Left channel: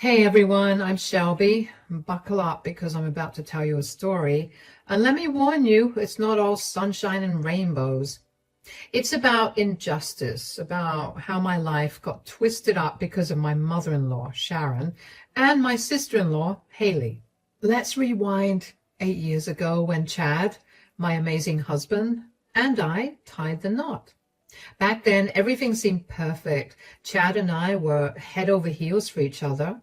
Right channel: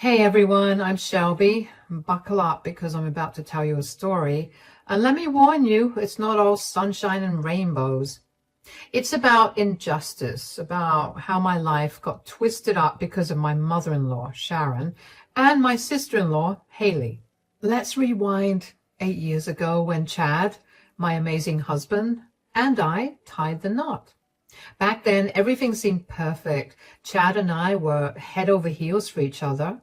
Hey everyone, I'm Shelby. Buckle up because I'm about to tell you a story. And let me warn you, it's not all sunshine and rainbows. It's about injustice, about how my life got twisted up because of my mother-in-law, Sharon, and my sister-in-law, Haley. Let's rewind 8 years ago when Chad, my amazing husband, and I tied the knot. Back then, everything seemed perfect. Chad and I were head over heels for each other.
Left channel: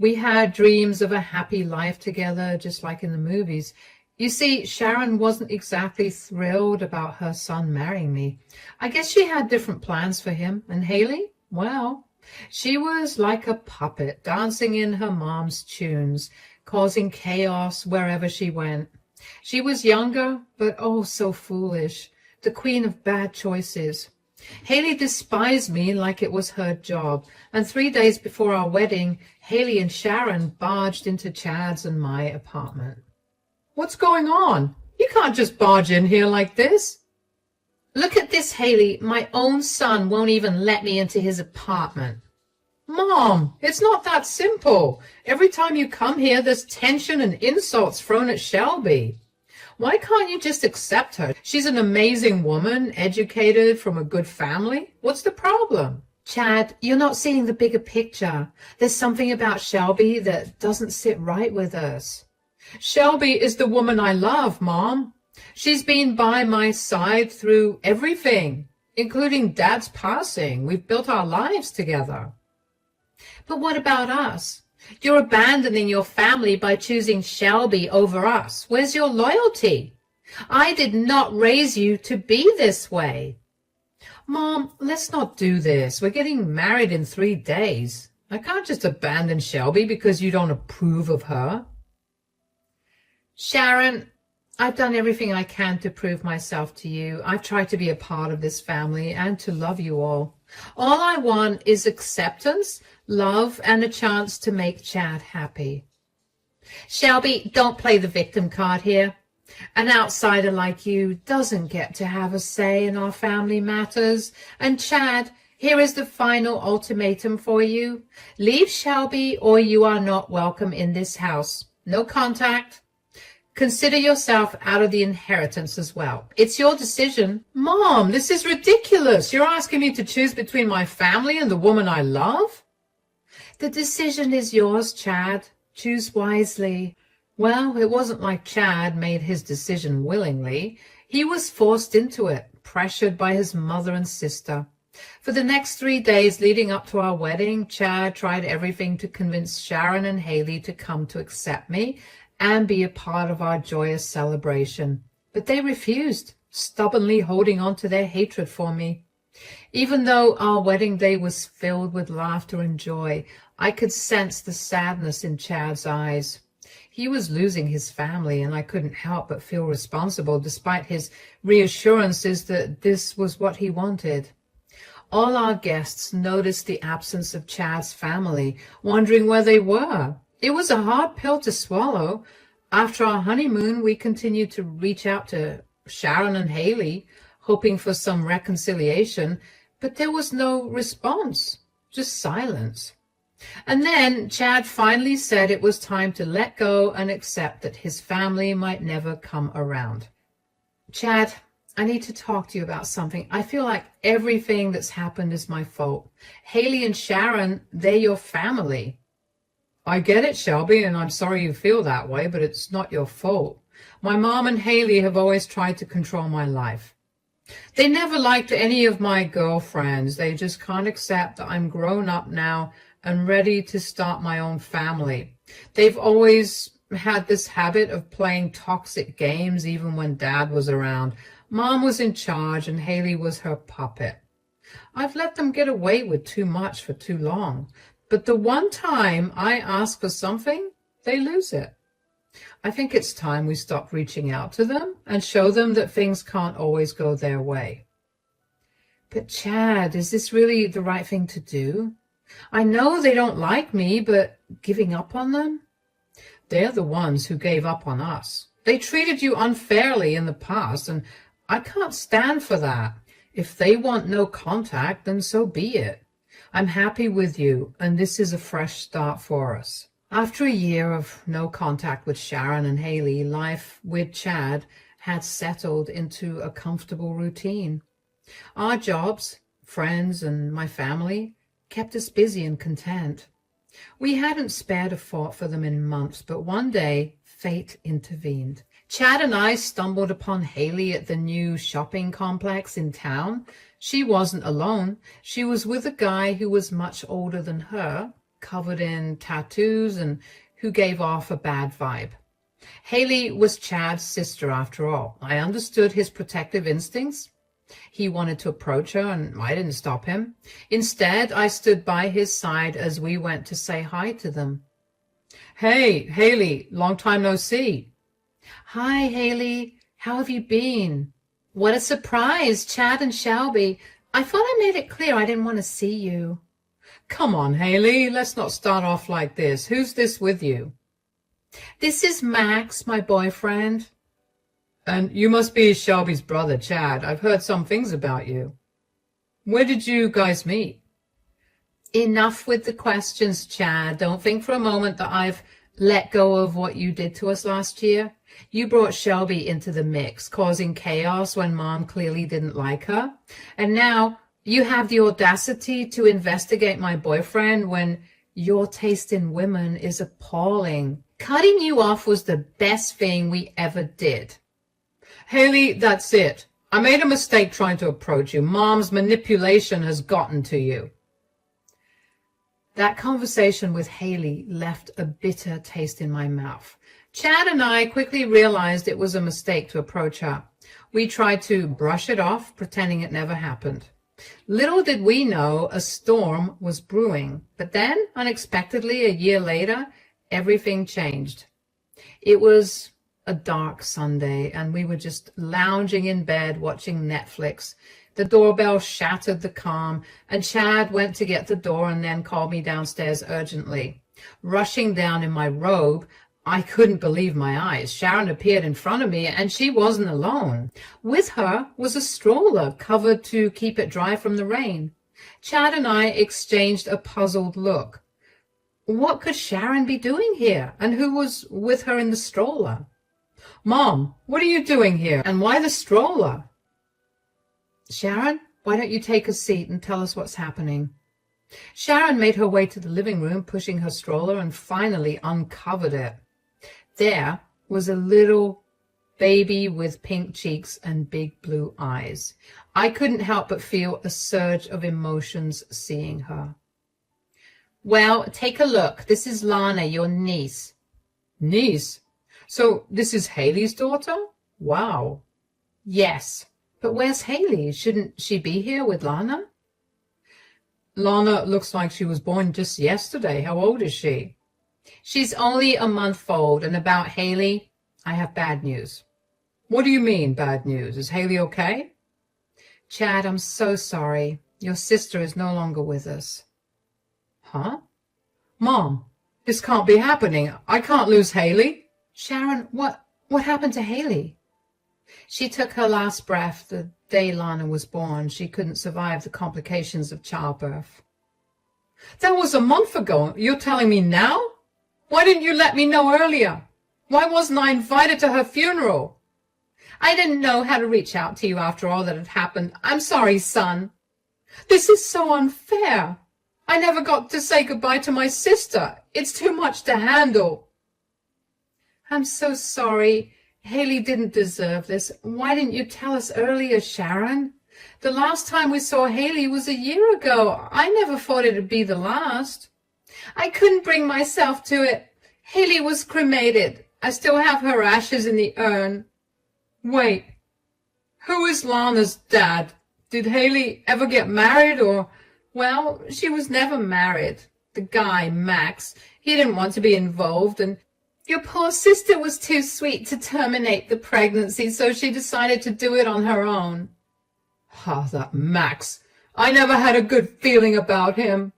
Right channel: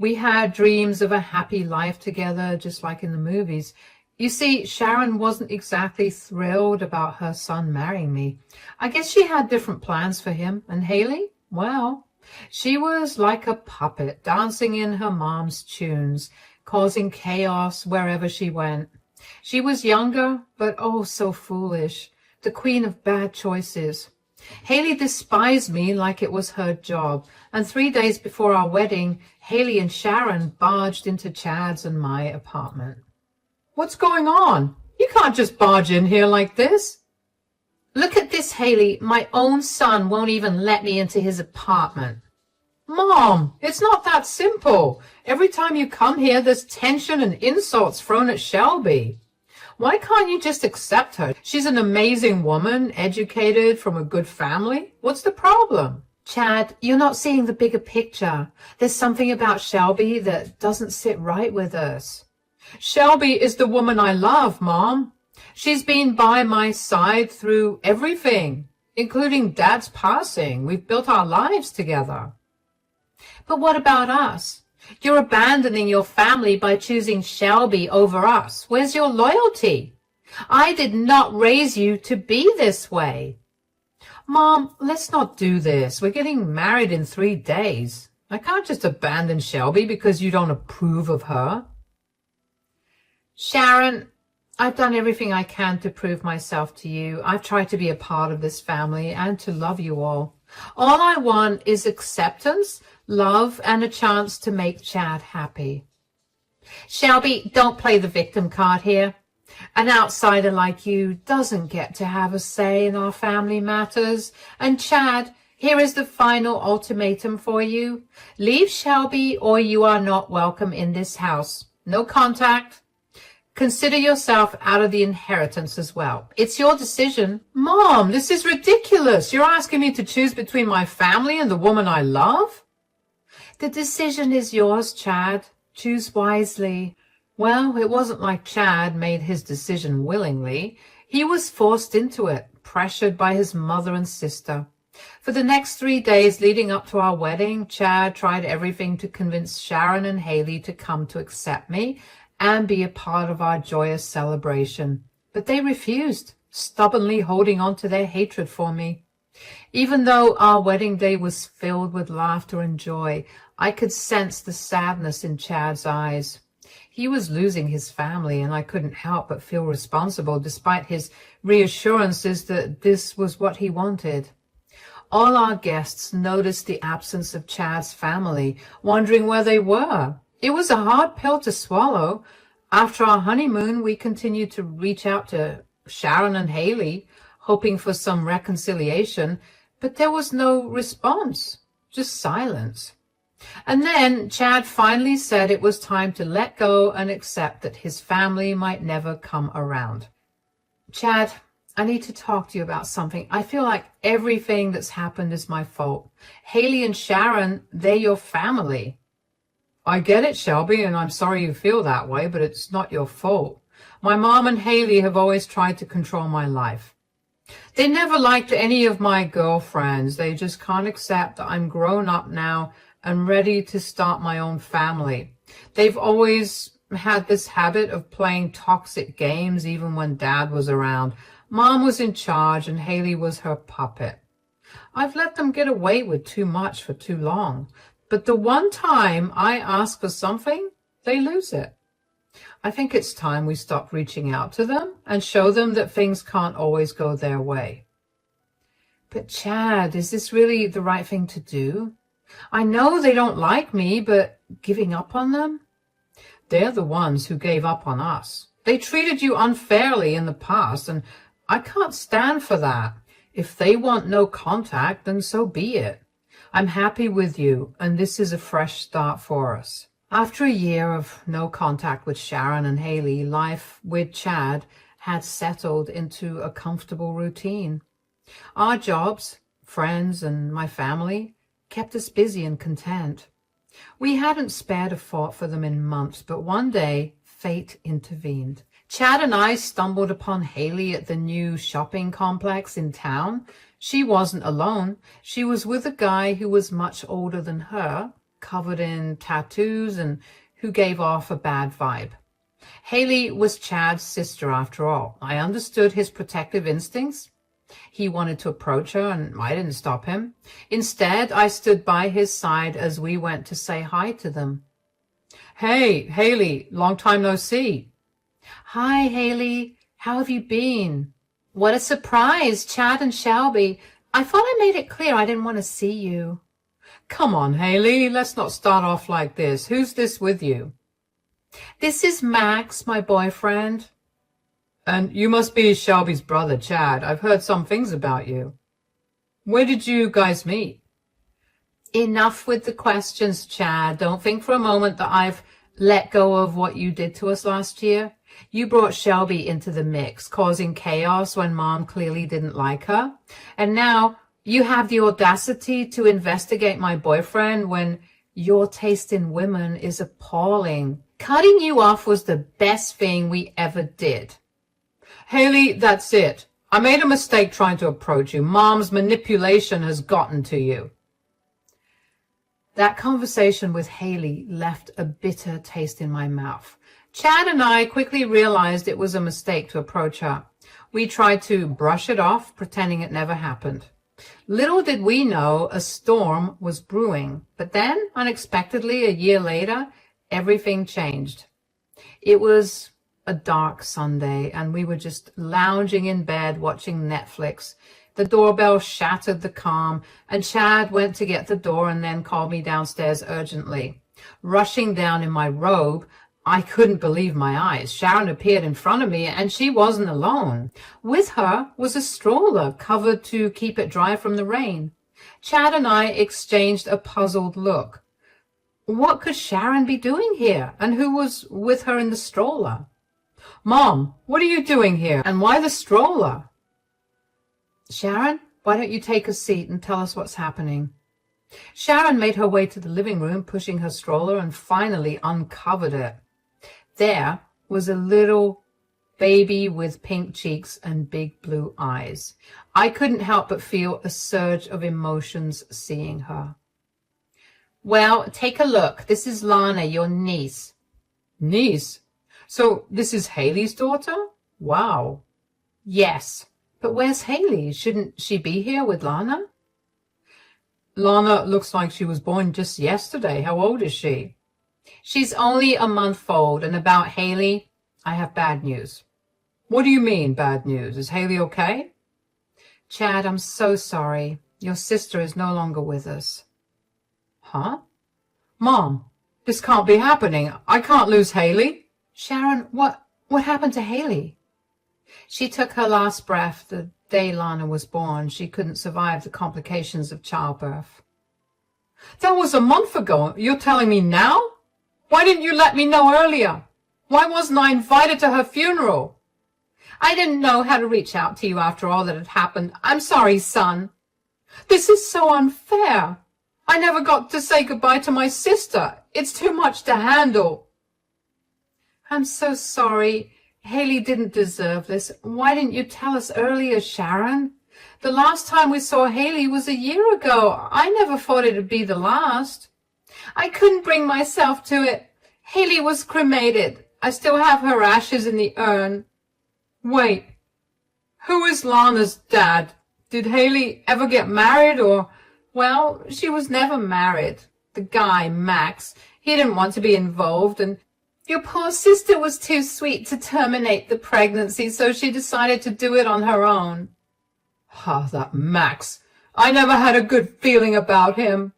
We had dreams of a happy life together, just like in the movies. You see, Sharon wasn't exactly thrilled about her son marrying me. I guess she had different plans for him. And Haley? Well, she was like a puppet, dancing in her mom's tunes, causing chaos wherever she went. She was younger, but oh, so foolish, the queen of bad choices. Haley despised me like it was her job, and 3 days before our wedding, Haley and Sharon barged into Chad's and my apartment. What's going on? You can't just barge in here like this. Look at this, Haley. My own son won't even let me into his apartment. Mom, it's not that simple. Every time you come here, there's tension and insults thrown at Shelby. Why can't you just accept her? She's an amazing woman, educated, from a good family. What's the problem? Chad, you're not seeing the bigger picture. There's something about Shelby that doesn't sit right with us. Shelby is the woman I love, Mom. She's been by my side through everything, including Dad's passing. We've built our lives together. But what about us? You're abandoning your family by choosing Shelby over us. Where's your loyalty? I did not raise you to be this way. Mom, let's not do this. We're getting married in 3 days. I can't just abandon Shelby because you don't approve of her. Sharon, I've done everything I can to prove myself to you. I've tried to be a part of this family and to love you all. All I want is acceptance, love, and a chance to make Chad happy. Shelby, don't play the victim card here. An outsider like you doesn't get to have a say in our family matters. And Chad, here is the final ultimatum for you. Leave Shelby or you are not welcome in this house. No contact. Consider yourself out of the inheritance as well. It's your decision. Mom, this is ridiculous. You're asking me to choose between my family and the woman I love? The decision is yours, Chad. Choose wisely. Well, it wasn't like Chad made his decision willingly. He was forced into it, pressured by his mother and sister. For the next 3 days leading up to our wedding, Chad tried everything to convince Sharon and Haley to come to accept me and be a part of our joyous celebration. But they refused, stubbornly holding on to their hatred for me. Even though our wedding day was filled with laughter and joy, I could sense the sadness in Chad's eyes. He was losing his family, and I couldn't help but feel responsible despite his reassurances that this was what he wanted. All our guests noticed the absence of Chad's family, wondering where they were. It was a hard pill to swallow. After our honeymoon, we continued to reach out to Sharon and Haley, hoping for some reconciliation, but there was no response, just silence. And then Chad finally said it was time to let go and accept that his family might never come around. Chad, I need to talk to you about something. I feel like everything that's happened is my fault. Haley and Sharon, they're your family. I get it, Shelby, and I'm sorry you feel that way, but it's not your fault. My mom and Haley have always tried to control my life. They never liked any of my girlfriends. They just can't accept that I'm grown up now and ready to start my own family. They've always had this habit of playing toxic games even when Dad was around. Mom was in charge and Haley was her puppet. I've let them get away with too much for too long. But the one time I ask for something, they lose it. I think it's time we stop reaching out to them and show them that things can't always go their way. But Chad, is this really the right thing to do? I know they don't like me, but giving up on them? They're the ones who gave up on us. They treated you unfairly in the past, and I can't stand for that. If they want no contact, then so be it. I'm happy with you, and this is a fresh start for us. After a year of no contact with Sharon and Haley, life with Chad had settled into a comfortable routine. Our jobs, friends, and my family kept us busy and content. We hadn't spared a thought for them in months, but one day fate intervened. Chad and I stumbled upon Haley at the new shopping complex in town. She wasn't alone. She was with a guy who was much older than her, covered in tattoos, and who gave off a bad vibe. Haley was Chad's sister after all. I understood his protective instincts. He wanted to approach her, and I didn't stop him. Instead, I stood by his side as we went to say hi to them. "Hey, Haley, long time no see." "Hi, Haley. How have you been?" "What a surprise, Chad and Shelby. I thought I made it clear I didn't want to see you." "Come on, Haley, let's not start off like this. Who's this with you?" "This is Max, my boyfriend." "And you must be Shelby's brother, Chad. I've heard some things about you. Where did you guys meet?" "Enough with the questions, Chad. Don't think for a moment that I've let go of what you did to us last year. You brought Shelby into the mix, causing chaos when Mom clearly didn't like her. And now you have the audacity to investigate my boyfriend when your taste in women is appalling. Cutting you off was the best thing we ever did." "Haley, that's it. I made a mistake trying to approach you. Mom's manipulation has gotten to you." That conversation with Haley left a bitter taste in my mouth. Chad and I quickly realized it was a mistake to approach her. We tried to brush it off, pretending it never happened. Little did we know a storm was brewing. But then, unexpectedly, a year later, everything changed. It was a dark Sunday, and we were just lounging in bed watching Netflix. The doorbell shattered the calm, and Chad went to get the door and then called me downstairs urgently. Rushing down in my robe, I couldn't believe my eyes. Sharon appeared in front of me, and she wasn't alone. With her was a stroller covered to keep it dry from the rain. Chad and I exchanged a puzzled look. What could Sharon be doing here, and who was with her in the stroller? "Mom, what are you doing here, and why the stroller?" "Sharon, why don't you take a seat and tell us what's happening?" Sharon made her way to the living room, pushing her stroller, and finally uncovered it. There was a little baby with pink cheeks and big blue eyes. I couldn't help but feel a surge of emotions seeing her. "Well, take a look. This is Lana, your niece." "Niece? So this is Haley's daughter? Wow." "Yes, but where's Haley? Shouldn't she be here with Lana?" "Lana looks like she was born just yesterday. How old is she?" "She's only a month old. And about Haley, I have bad news." "What do you mean, bad news? Is Haley okay?" "Chad, I'm so sorry. Your sister is no longer with us." "Huh? Mom, this can't be happening. I can't lose Haley." "Sharon, what happened to Haley?" "She took her last breath the day Lana was born. She couldn't survive the complications of childbirth." "That was a month ago. You're telling me now? Why didn't you let me know earlier? Why wasn't I invited to her funeral?" "I didn't know how to reach out to you after all that had happened. I'm sorry, son." "This is so unfair. I never got to say goodbye to my sister. It's too much to handle." "I'm so sorry. Haley didn't deserve this. Why didn't you tell us earlier, Sharon? The last time we saw Haley was a year ago. I never thought it'd be the last." "I couldn't bring myself to it. Haley was cremated. I still have her ashes in the urn." "Wait, who is Lana's dad? Did Haley ever get married or—" "Well, she was never married. The guy, Max, he didn't want to be involved, and your poor sister was too sweet to terminate the pregnancy, so she decided to do it on her own." "Ah, that Max. I never had a good feeling about him."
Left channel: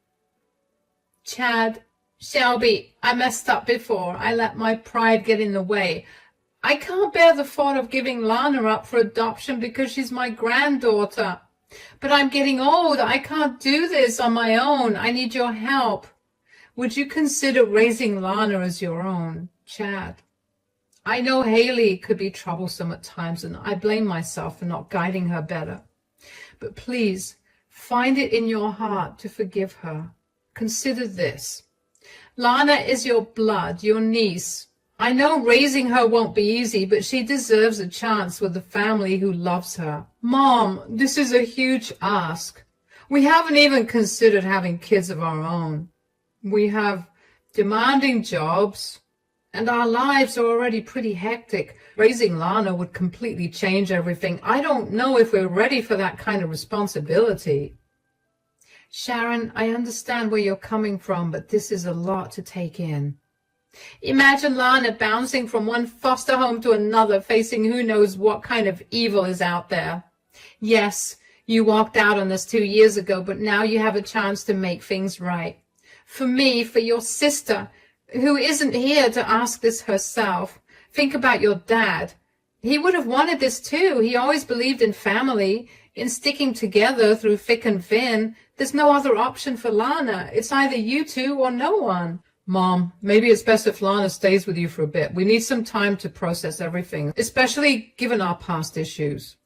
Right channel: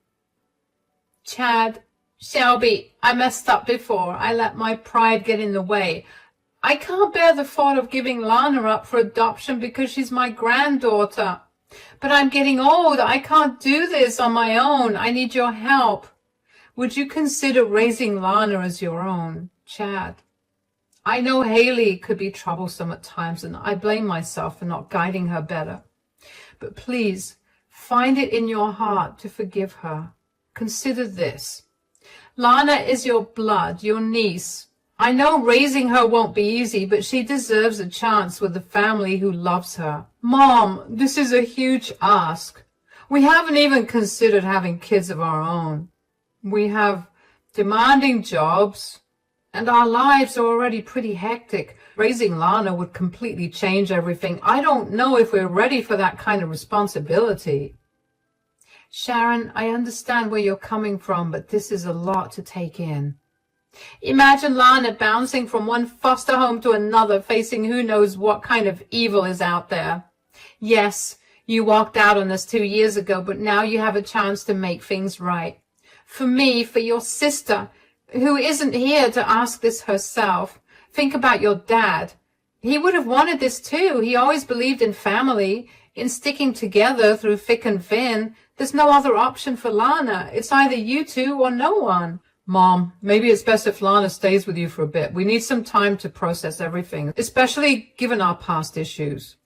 "Chad, Shelby, I messed up before. I let my pride get in the way. I can't bear the thought of giving Lana up for adoption because she's my granddaughter. But I'm getting old. I can't do this on my own. I need your help. Would you consider raising Lana as your own? Chad. I know Haley could be troublesome at times, and I blame myself for not guiding her better. But please, find it in your heart to forgive her. Consider this. Lana is your blood, your niece. I know raising her won't be easy, but she deserves a chance with a family who loves her. Mom, this is a huge ask. We haven't even considered having kids of our own. We have demanding jobs, and our lives are already pretty hectic. Raising Lana would completely change everything. I don't know if we're ready for that kind of responsibility. Sharon, I understand where you're coming from, but this is a lot to take in. Imagine Lana bouncing from one foster home to another, facing who knows what kind of evil is out there. Yes, you walked out on us 2 years ago, but now you have a chance to make things right. For me, for your sister, who isn't here to ask this herself. Think about your dad. He would have wanted this too. He always believed in family, in sticking together through thick and thin. There's no other option for Lana. It's either you two or no one. Mom, maybe it's best if Lana stays with you for a bit. We need some time to process everything, especially given our past issues.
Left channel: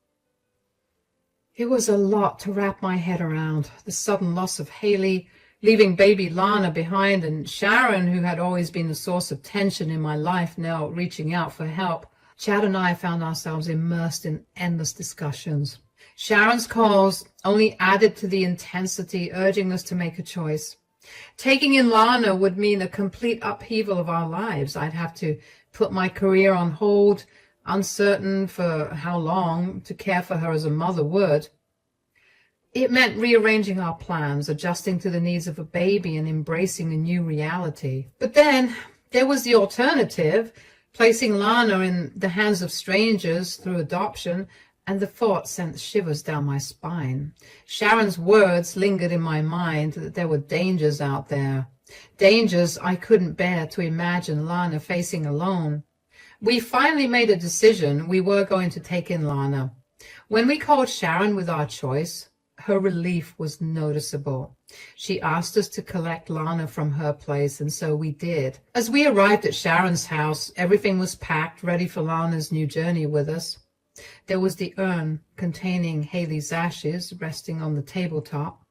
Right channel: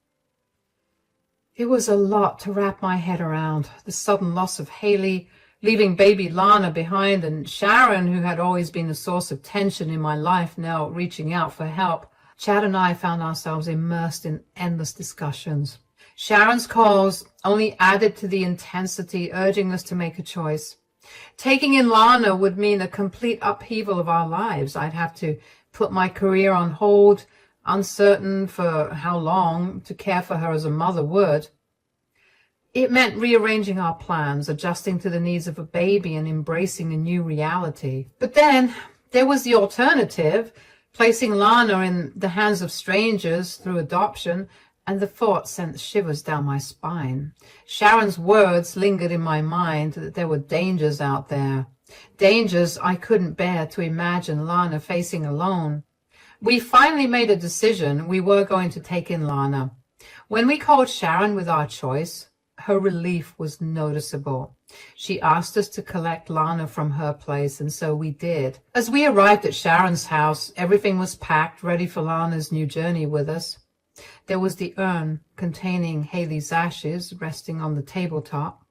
It was a lot to wrap my head around. The sudden loss of Haley, leaving baby Lana behind, and Sharon, who had always been a source of tension in my life, now reaching out for help. Chad and I found ourselves immersed in endless discussions. Sharon's calls only added to the intensity, urging us to make a choice. Taking in Lana would mean a complete upheaval of our lives. I'd have to put my career on hold, uncertain for how long to care for her as a mother would. It meant rearranging our plans, adjusting to the needs of a baby, and embracing a new reality. But then there was the alternative, placing Lana in the hands of strangers through adoption, and the thought sent shivers down my spine. Sharon's words lingered in my mind that there were dangers out there, dangers I couldn't bear to imagine Lana facing alone. We finally made a decision. We were going to take in Lana. When we called Sharon with our choice, her relief was noticeable. She asked us to collect Lana from her place, and so we did. As we arrived at Sharon's house, everything was packed, ready for Lana's new journey with us. There was the urn containing Haley's ashes resting on the tabletop.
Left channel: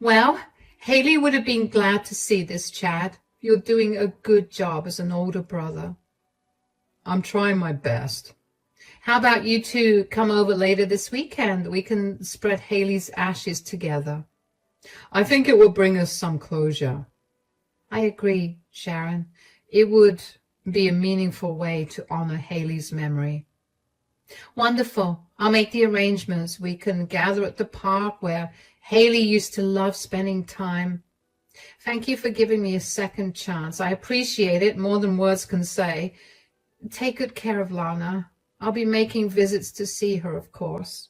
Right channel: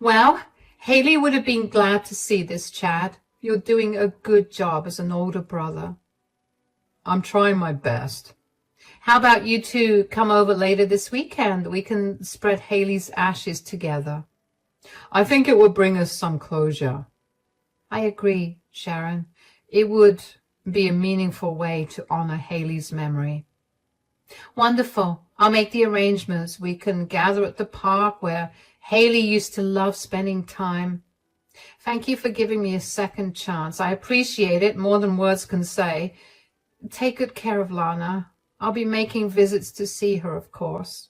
Well, Haley would have been glad to see this, Chad. You're doing a good job as an older brother. I'm trying my best. How about you two come over later this weekend? We can spread Haley's ashes together. I think it will bring us some closure. I agree, Sharon. It would be a meaningful way to honor Haley's memory. Wonderful. I'll make the arrangements. We can gather at the park where Haley used to love spending time. Thank you for giving me a second chance. I appreciate it more than words can say. Take good care of Lana. I'll be making visits to see her, of course.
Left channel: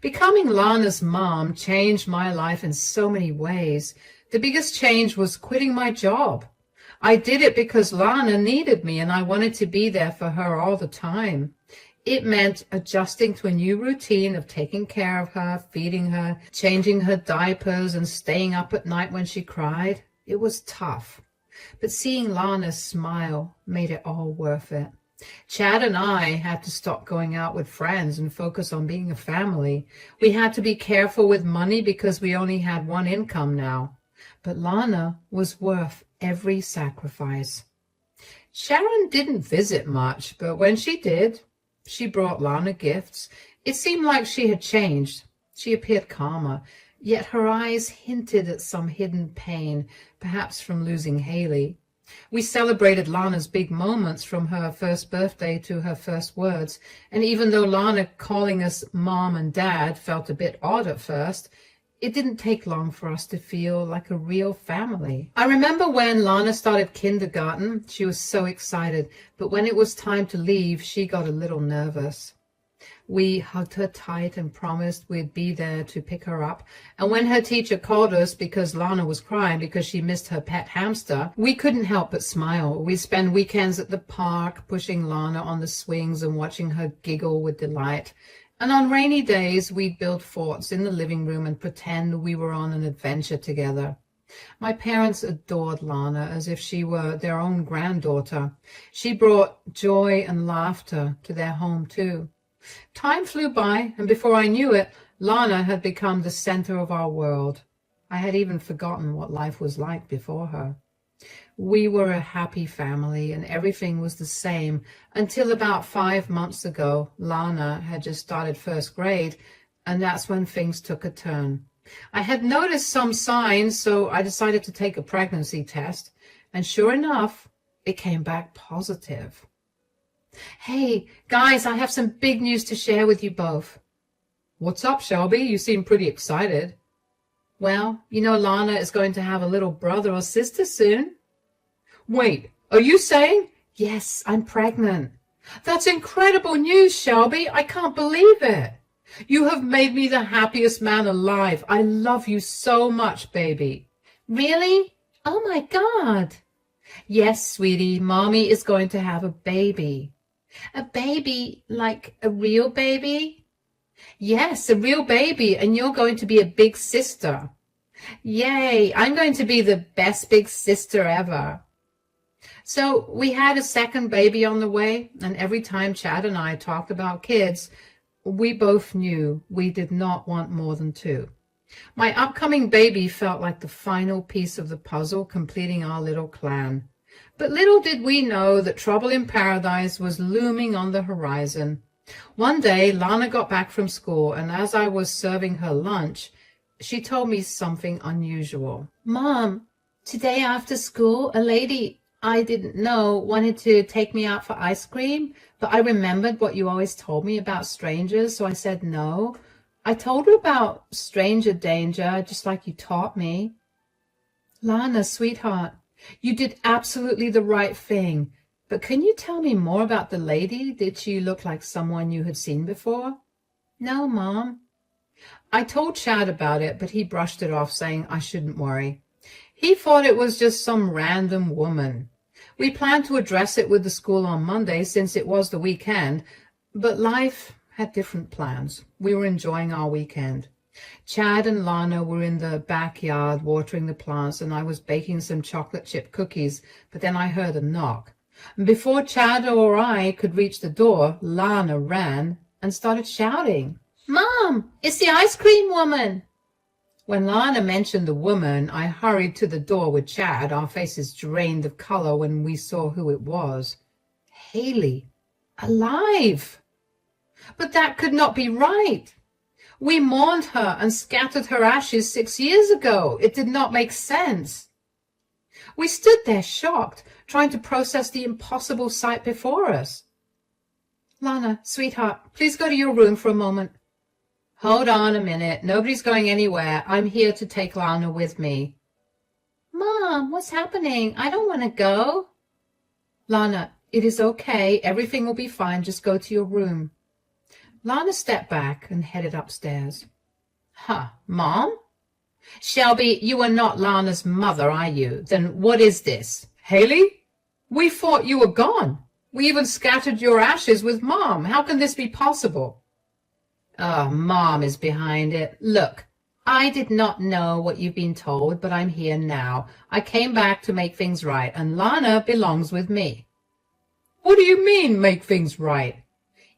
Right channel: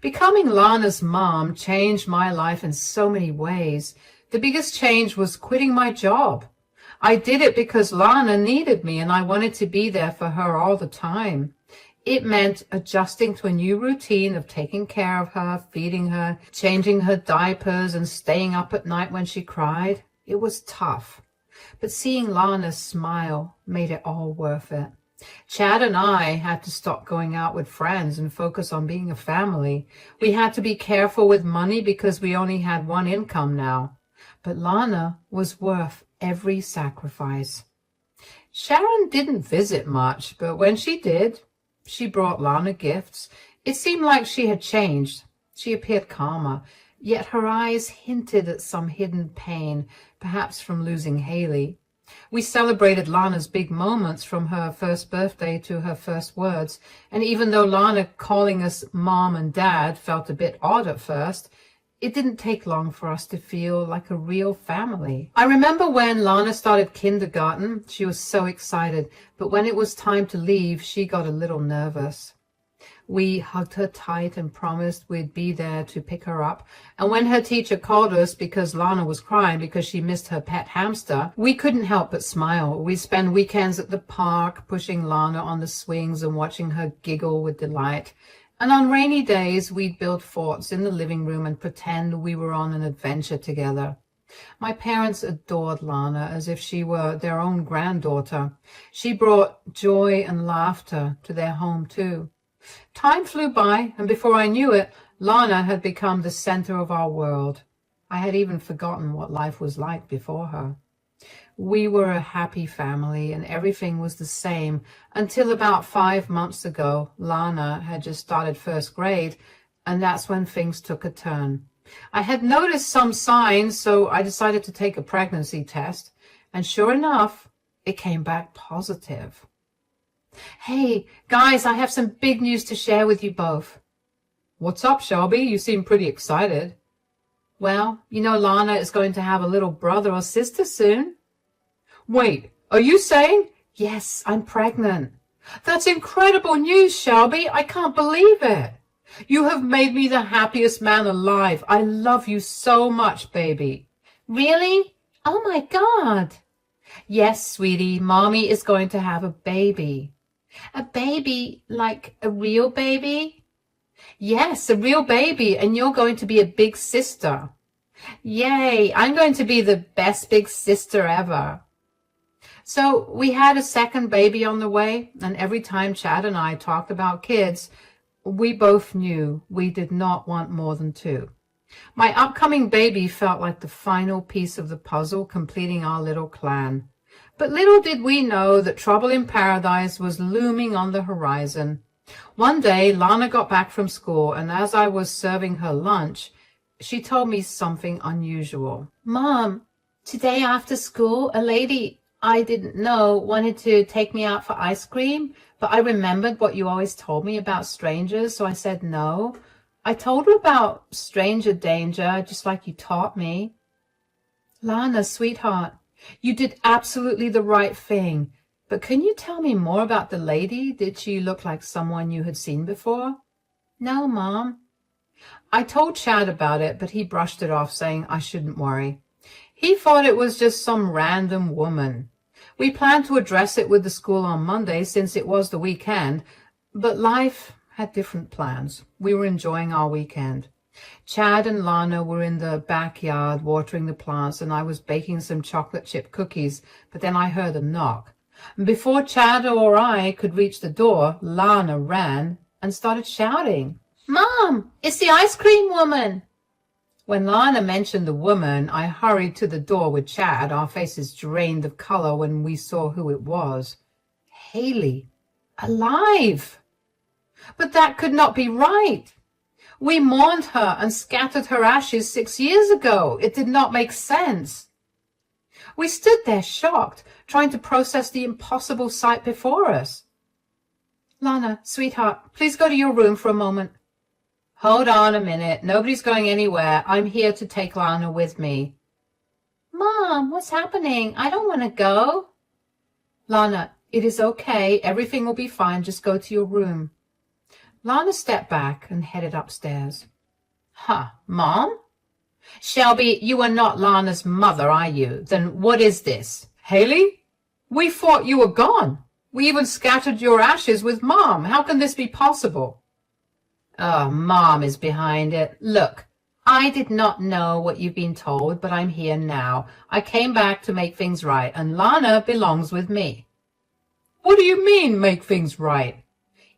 Becoming Lana's mom changed my life in so many ways. The biggest change was quitting my job. I did it because Lana needed me, and I wanted to be there for her all the time. It meant adjusting to a new routine of taking care of her, feeding her, changing her diapers, and staying up at night when she cried. It was tough, but seeing Lana smile made it all worth it. Chad and I had to stop going out with friends and focus on being a family. We had to be careful with money because we only had one income now. But Lana was worth every sacrifice. Sharon didn't visit much, but when she did, she brought Lana gifts. It seemed like she had changed. She appeared calmer, yet her eyes hinted at some hidden pain, perhaps from losing Haley. We celebrated Lana's big moments, from her first birthday to her first words, and even though Lana calling us Mom and Dad felt a bit odd at first, it didn't take long for us to feel like a real family. I remember when Lana started kindergarten, she was so excited, but when it was time to leave, she got a little nervous. We hugged her tight and promised we'd be there to pick her up. And when her teacher called us because Lana was crying because she missed her pet hamster, we couldn't help but smile. We spent weekends at the park, pushing Lana on the swings and watching her giggle with delight. And on rainy days, we'd build forts in the living room and pretend we were on an adventure together. My parents adored Lana as if she were their own granddaughter. She brought joy and laughter to their home, too. Time flew by, and before I knew it, Lana had become the center of our world. I had even forgotten what life was like before her. We were a happy family, and everything was the same until about 5 months ago. Lana had just started first grade, and that's when things took a turn. I had noticed some signs, so I decided to take a pregnancy test, and sure enough, it came back positive. Hey, guys, I have some big news to share with you both. What's up, Shelby? You seem pretty excited. Well, you know Lana is going to have a little brother or sister soon. Wait, are you saying? Yes, I'm pregnant. That's incredible news, Shelby. I can't believe it. You have made me the happiest man alive. I love you so much, baby. Really? Oh, my God. Yes, sweetie, Mommy is going to have a baby. A baby, like a real baby? Yes, a real baby, and you're going to be a big sister. Yay, I'm going to be the best big sister ever. So we had a second baby on the way, and every time Chad and I talked about kids, we both knew we did not want more than 2. My upcoming baby felt like the final piece of the puzzle completing our little clan. But little did we know that trouble in paradise was looming on the horizon. One day, Lana got back from school, and as I was serving her lunch, she told me something unusual. Mom, today after school, a lady I didn't know wanted to take me out for ice cream, but I remembered what you always told me about strangers, so I said no. I told her about stranger danger, just like you taught me. Lana, sweetheart, you did absolutely the right thing, but can you tell me more about the lady? Did she look like someone you had seen before? No, Mom. I told Chad about it, but he brushed it off, saying I shouldn't worry. He thought it was just some random woman. We planned to address it with the school on Monday since it was the weekend, but life had different plans. We were enjoying our weekend. Chad and Lana were in the backyard watering the plants, and I was baking some chocolate chip cookies, but then I heard a knock. And before Chad or I could reach the door, Lana ran and started shouting, Mom, it's the ice cream woman. When Lana mentioned the woman, I hurried to the door with Chad. Our faces drained of color when we saw who it was. Haley, alive! But that could not be right. We mourned her and scattered her ashes 6 years ago. It did not make sense. We stood there shocked, trying to process the impossible sight before us. Lana, sweetheart, please go to your room for a moment. Hold on a minute. Nobody's going anywhere. I'm here to take Lana with me. Mom, what's happening? I don't want to go. Lana, it is okay. Everything will be fine. Just go to your room. Lana stepped back and headed upstairs. Huh, Mom? Shelby, you are not Lana's mother, are you? Then what is this? Haley? We thought you were gone. We even scattered your ashes with Mom. How can this be possible? Mom is behind it. Look, I did not know what you've been told, but I'm here now. I came back to make things right, and Lana belongs with me. What do you mean, make things right?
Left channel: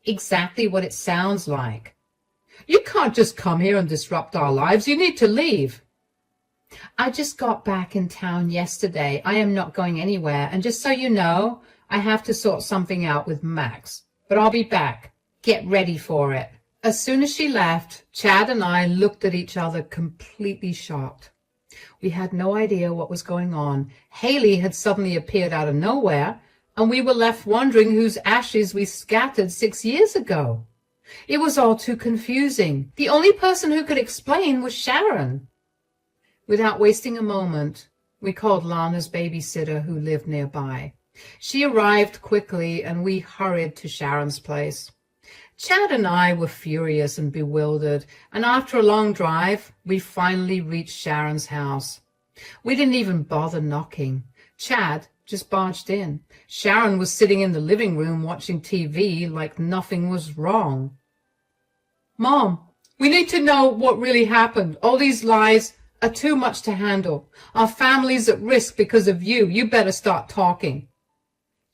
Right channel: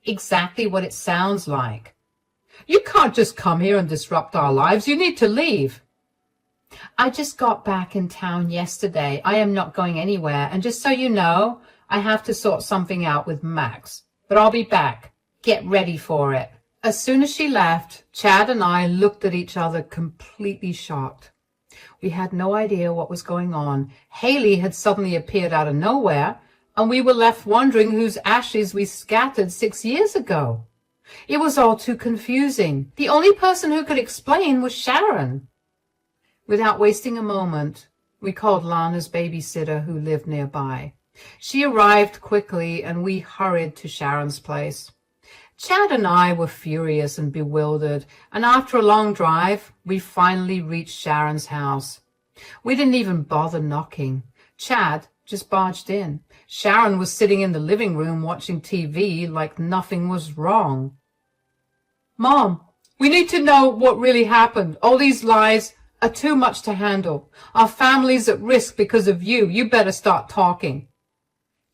Exactly what it sounds like. You can't just come here and disrupt our lives. You need to leave. I just got back in town yesterday. I am not going anywhere, and just so you know, I have to sort something out with Max. But I'll be back. Get ready for it. As soon as she left, Chad and I looked at each other completely shocked. We had no idea what was going on. Haley had suddenly appeared out of nowhere, and we were left wondering whose ashes we scattered 6 years ago. It was all too confusing. The only person who could explain was Sharon. Without wasting a moment, we called Lana's babysitter who lived nearby. She arrived quickly, and we hurried to Sharon's place. Chad and I were furious and bewildered, and after a long drive, we finally reached Sharon's house. We didn't even bother knocking. Chad just barged in. Sharon was sitting in the living room watching TV like nothing was wrong. Mom, we need to know what really happened. All these lies are too much to handle. Our family's at risk because of you. You better start talking.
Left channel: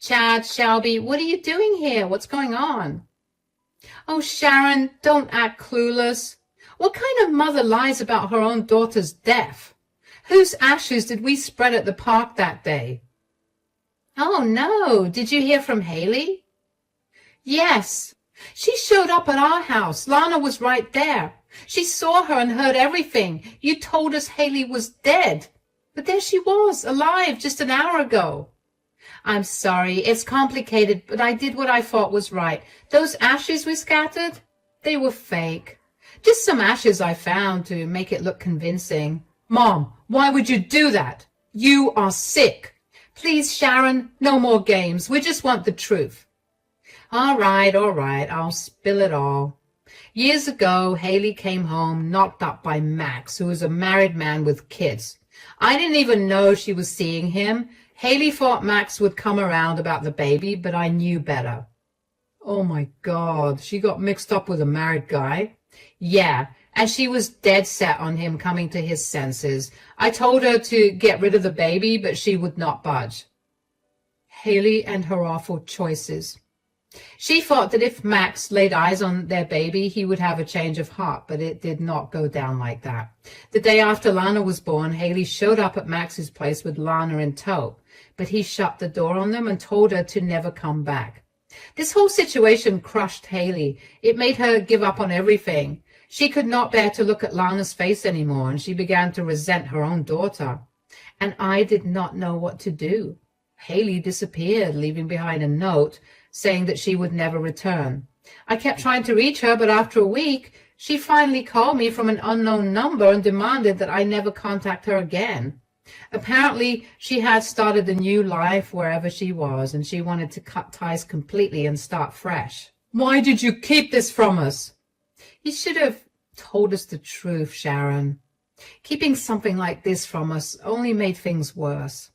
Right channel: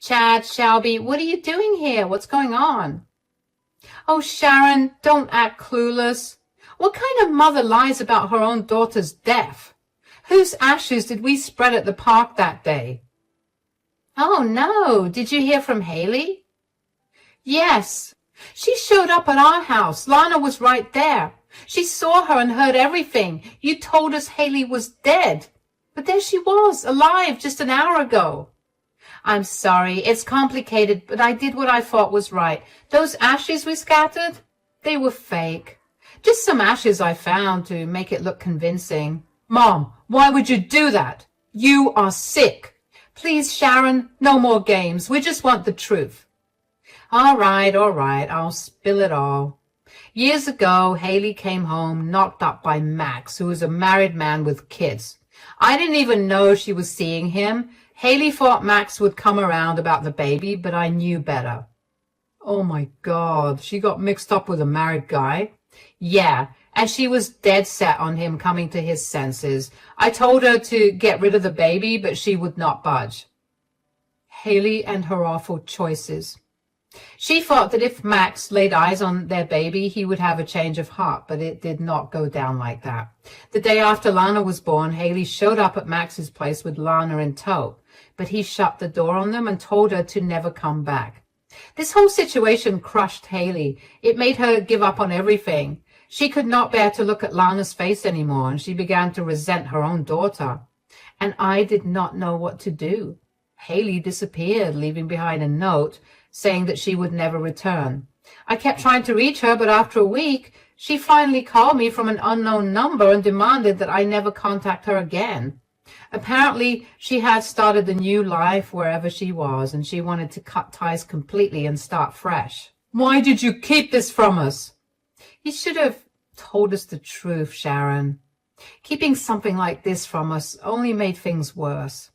Chad, Shelby, what are you doing here? What's going on? Oh, Sharon, don't act clueless. What kind of mother lies about her own daughter's death? Whose ashes did we spread at the park that day? Oh, no. Did you hear from Haley? Yes. She showed up at our house. Lana was right there. She saw her and heard everything. You told us Haley was dead. But there she was, alive just an hour ago. I'm sorry. It's complicated, but I did what I thought was right. Those ashes we scattered, they were fake. Just some ashes I found to make it look convincing. Mom, why would you do that? You are sick. Please, Sharon, no more games. We just want the truth. All right, I'll spill it all. Years ago, Haley came home knocked up by Max, who was a married man with kids. I didn't even know she was seeing him. Haley thought Max would come around about the baby, but I knew better. Oh my God, she got mixed up with a married guy? Yeah, and she was dead set on him coming to his senses. I told her to get rid of the baby, but she would not budge. Haley and her awful choices. She thought that if Max laid eyes on their baby, he would have a change of heart, but it did not go down like that. The day after Lana was born, Haley showed up at Max's place with Lana in tow, but he shut the door on them and told her to never come back. This whole situation crushed Haley. It made her give up on everything. She could not bear to look at Lana's face anymore, and she began to resent her own daughter. And I did not know what to do. Haley disappeared, leaving behind a note saying that she would never return. I kept trying to reach her, but after a week, she finally called me from an unknown number and demanded that I never contact her again. Apparently, she had started a new life wherever she was, and she wanted to cut ties completely and start fresh. Why did you keep this from us? You should have told us the truth, Sharon. Keeping something like this from us only made things worse.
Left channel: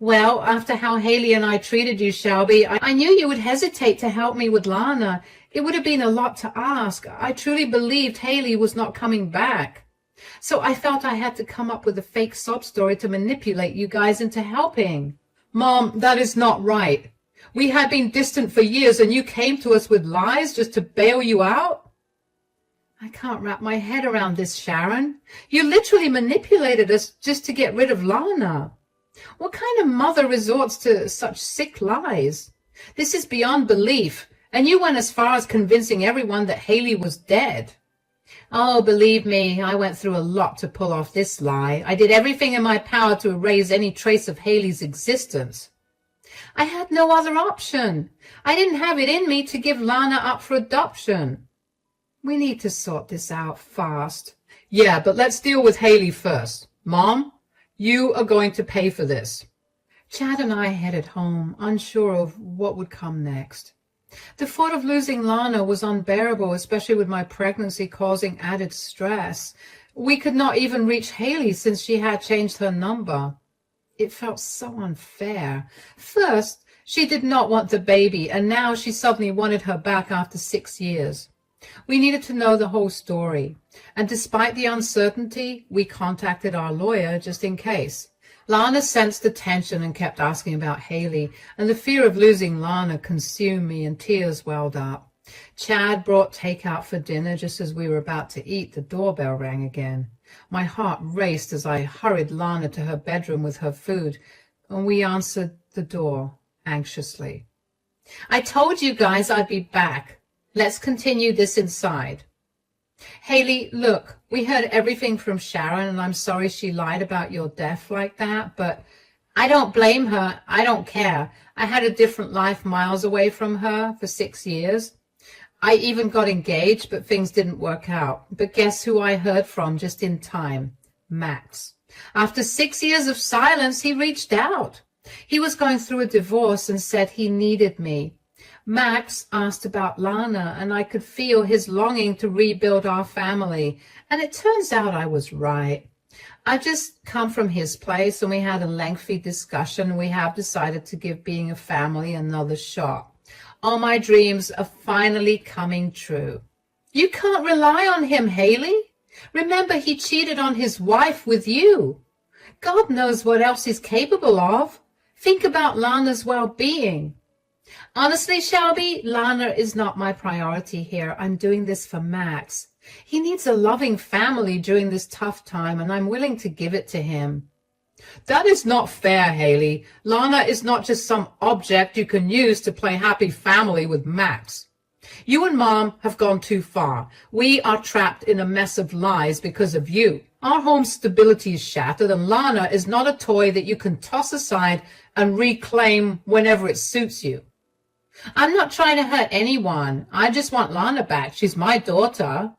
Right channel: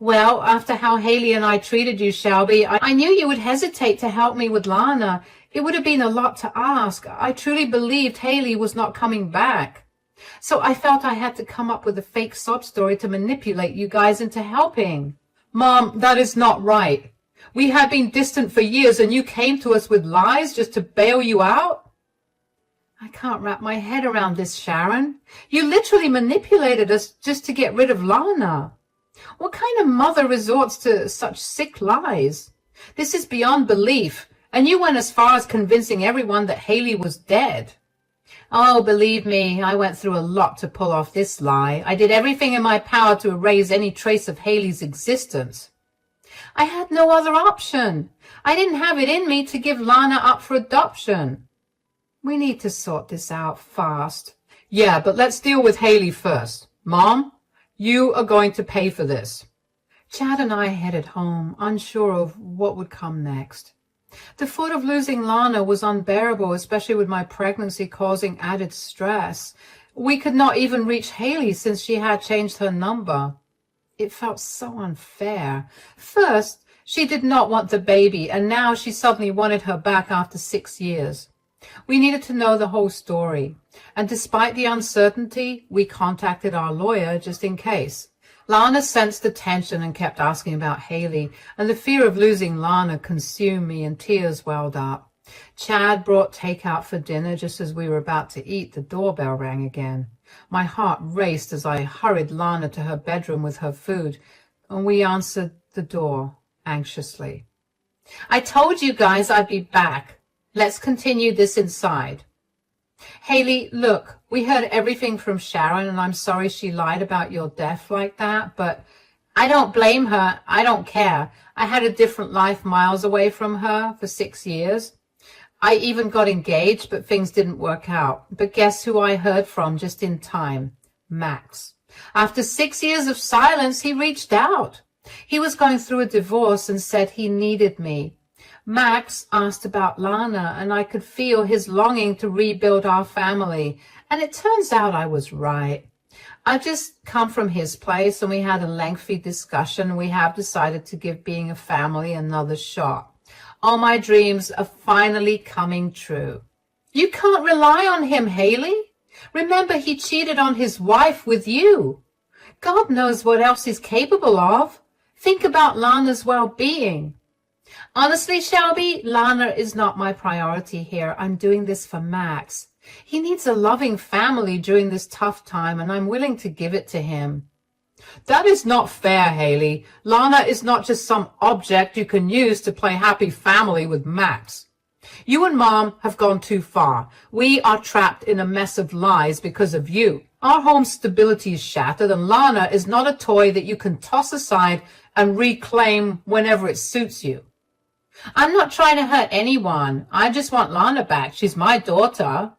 Well, after how Haley and I treated you, Shelby, I knew you would hesitate to help me with Lana. It would have been a lot to ask. I truly believed Haley was not coming back. So I felt I had to come up with a fake sob story to manipulate you guys into helping. Mom, that is not right. We had been distant for years and you came to us with lies just to bail you out? I can't wrap my head around this, Sharon. You literally manipulated us just to get rid of Lana. What kind of mother resorts to such sick lies? This is beyond belief, and you went as far as convincing everyone that Haley was dead. Oh, believe me, I went through a lot to pull off this lie. I did everything in my power to erase any trace of Haley's existence. I had no other option. I didn't have it in me to give Lana up for adoption. We need to sort this out fast. Yeah, but let's deal with Haley first. Mom, you are going to pay for this. Chad and I headed home, unsure of what would come next. The thought of losing Lana was unbearable, especially with my pregnancy causing added stress. We could not even reach Haley since she had changed her number. It felt so unfair. First, she did not want the baby, and now she suddenly wanted her back after 6 years. We needed to know the whole story, and despite the uncertainty, we contacted our lawyer just in case. Lana sensed the tension and kept asking about Haley, and the fear of losing Lana consumed me and tears welled up. Chad brought takeout for dinner. Just as we were about to eat, the doorbell rang again. My heart raced as I hurried Lana to her bedroom with her food, and we answered the door anxiously. I told you guys I'd be back. Let's continue this inside. Haley, look, we heard everything from Sharon, and I'm sorry she lied about your death like that, but I don't blame her. I don't care. I had a different life miles away from her for 6 years. I even got engaged, but things didn't work out. But guess who I heard from just in time? Max. After 6 years of silence, he reached out. He was going through a divorce and said he needed me. Max asked about Lana, and I could feel his longing to rebuild our family. And it turns out I was right. I just come from his place, and we had a lengthy discussion. We have decided to give being a family another shot. All my dreams are finally coming true. You can't rely on him, Haley. Remember, he cheated on his wife with you. God knows what else he's capable of. Think about Lana's well-being. Honestly, Shelby, Lana is not my priority here. I'm doing this for Max. He needs a loving family during this tough time, and I'm willing to give it to him. That is not fair, Haley. Lana is not just some object you can use to play happy family with Max. You and Mom have gone too far. We are trapped in a mess of lies because of you. Our home stability is shattered, and Lana is not a toy that you can toss aside and reclaim whenever it suits you. I'm not trying to hurt anyone. I just want Lana back. She's my daughter.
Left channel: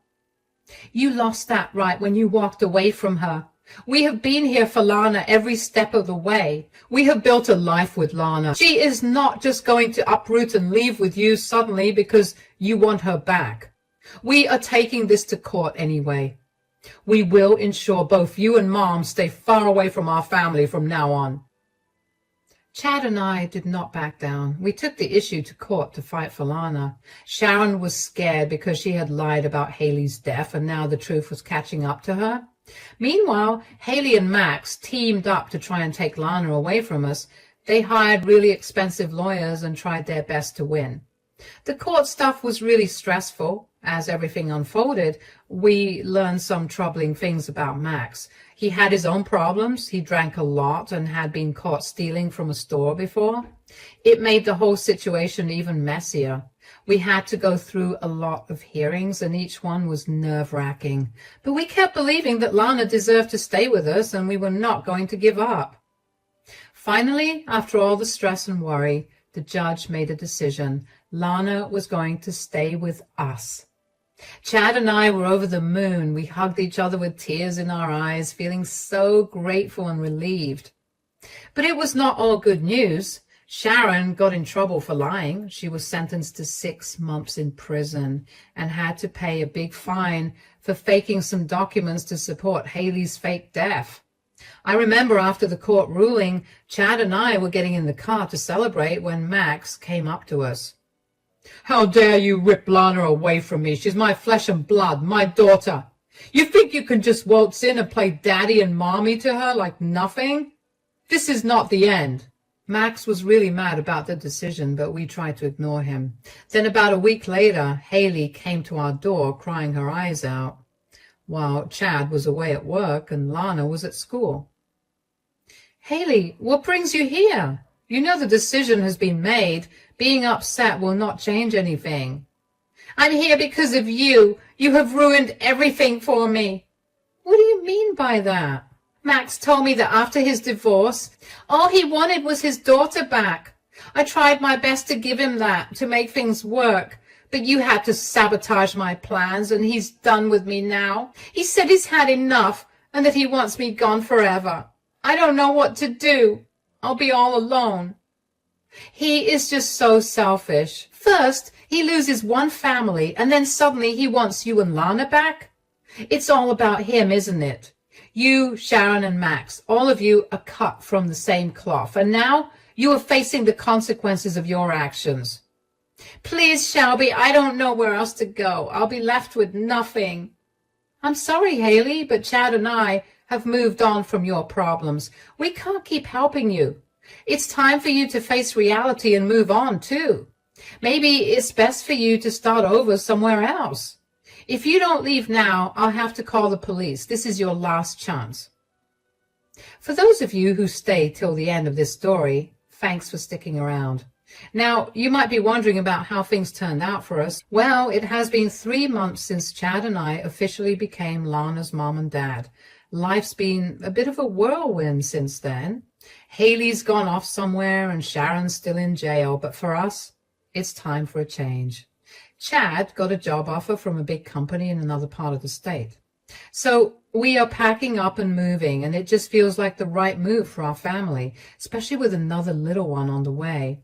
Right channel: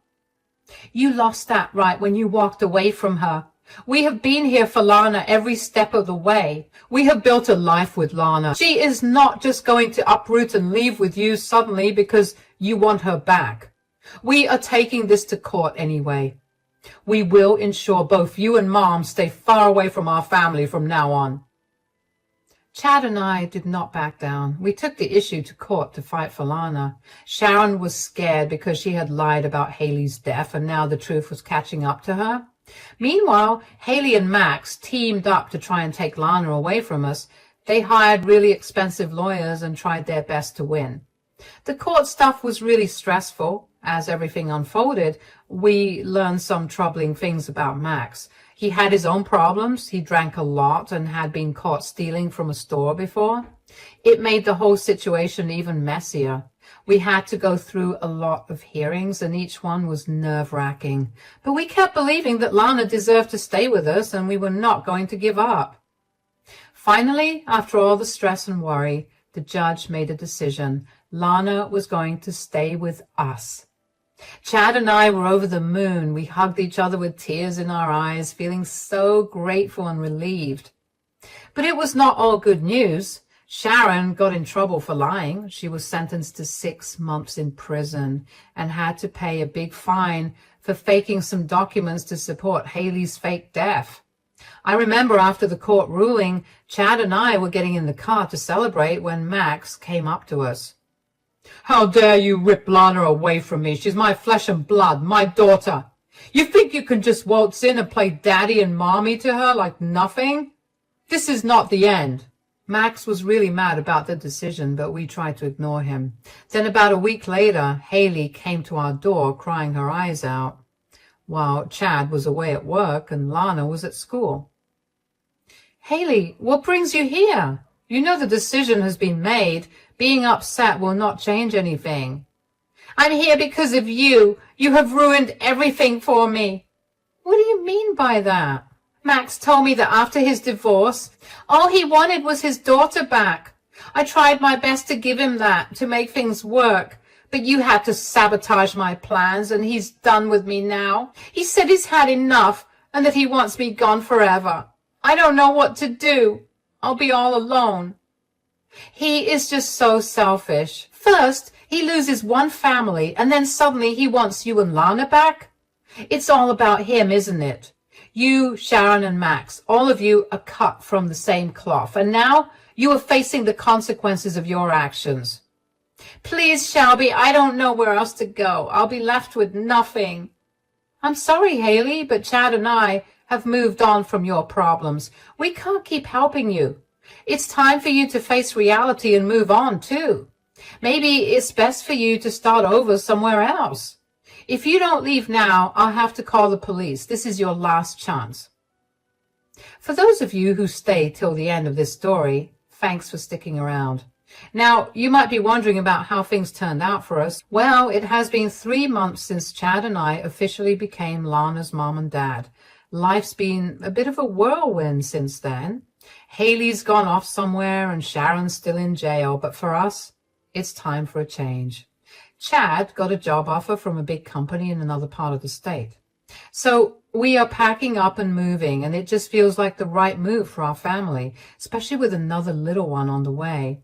You lost that right when you walked away from her. We have been here for Lana every step of the way. We have built a life with Lana. She is not just going to uproot and leave with you suddenly because you want her back. We are taking this to court anyway. We will ensure both you and Mom stay far away from our family from now on. Chad and I did not back down. We took the issue to court to fight for Lana. Sharon was scared because she had lied about Haley's death, and now the truth was catching up to her. Meanwhile, Haley and Max teamed up to try and take Lana away from us. They hired really expensive lawyers and tried their best to win. The court stuff was really stressful. As everything unfolded, we learned some troubling things about Max. He had his own problems. He drank a lot and had been caught stealing from a store before. It made the whole situation even messier. We had to go through a lot of hearings, and each one was nerve-wracking. But we kept believing that Lana deserved to stay with us, and we were not going to give up. Finally, after all the stress and worry, the judge made a decision. Lana was going to stay with us. Chad and I were over the moon. We hugged each other with tears in our eyes, feeling so grateful and relieved. But it was not all good news. Sharon got in trouble for lying. She was sentenced to 6 months in prison and had to pay a big fine for faking some documents to support Haley's fake death. I remember after the court ruling, Chad and I were getting in the car to celebrate when Max came up to us. How dare you rip Lana away from me? She's my flesh and blood, my daughter. You think you can just waltz in and play daddy and mommy to her like nothing? This is not the end. Max was really mad about the decision, but we tried to ignore him. Then about a week later, Haley came to our door crying her eyes out, while Chad was away at work and Lana was at school. Haley, what brings you here? You know the decision has been made. Being upset will not change anything. I'm here because of you. You have ruined everything for me. What do you mean by that? Max told me that after his divorce, all he wanted was his daughter back. I tried my best to give him that, to make things work, but you had to sabotage my plans, and he's done with me now. He said he's had enough and that he wants me gone forever. I don't know what to do. I'll be all alone. He is just so selfish. First, he loses one family, and then suddenly he wants you and Lana back. It's all about him, isn't it? You, Sharon, and Max, all of you are cut from the same cloth, and now you are facing the consequences of your actions. Please, Shelby, I don't know where else to go. I'll be left with nothing. I'm sorry, Haley, but Chad and I have moved on from your problems. We can't keep helping you. It's time for you to face reality and move on, too. Maybe it's best for you to start over somewhere else. If you don't leave now, I'll have to call the police. This is your last chance. For those of you who stay till the end of this story, thanks for sticking around. Now, you might be wondering about how things turned out for us. Well, it has been 3 months since Chad and I officially became Lana's mom and dad. Life's been a bit of a whirlwind since then. Haley's gone off somewhere and Sharon's still in jail, but for us, it's time for a change. Chad got a job offer from a big company in another part of the state. So we are packing up and moving, and it just feels like the right move for our family, especially with another little one on the way.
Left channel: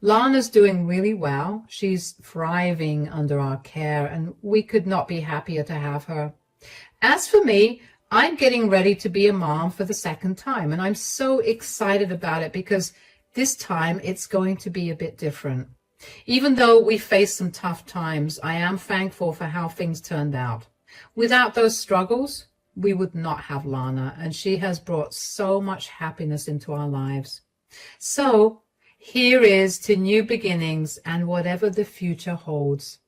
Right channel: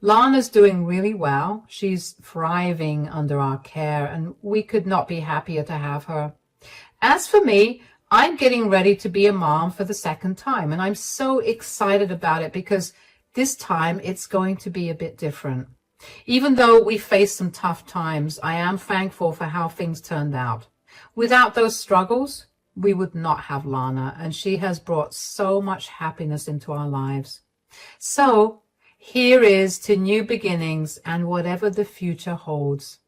Lana's doing really well. She's thriving under our care, and we could not be happier to have her. As for me, I'm getting ready to be a mom for the second time, and I'm so excited about it because this time it's going to be a bit different. Even though we faced some tough times, I am thankful for how things turned out. Without those struggles, we would not have Lana, and she has brought so much happiness into our lives. So here is to new beginnings and whatever the future holds.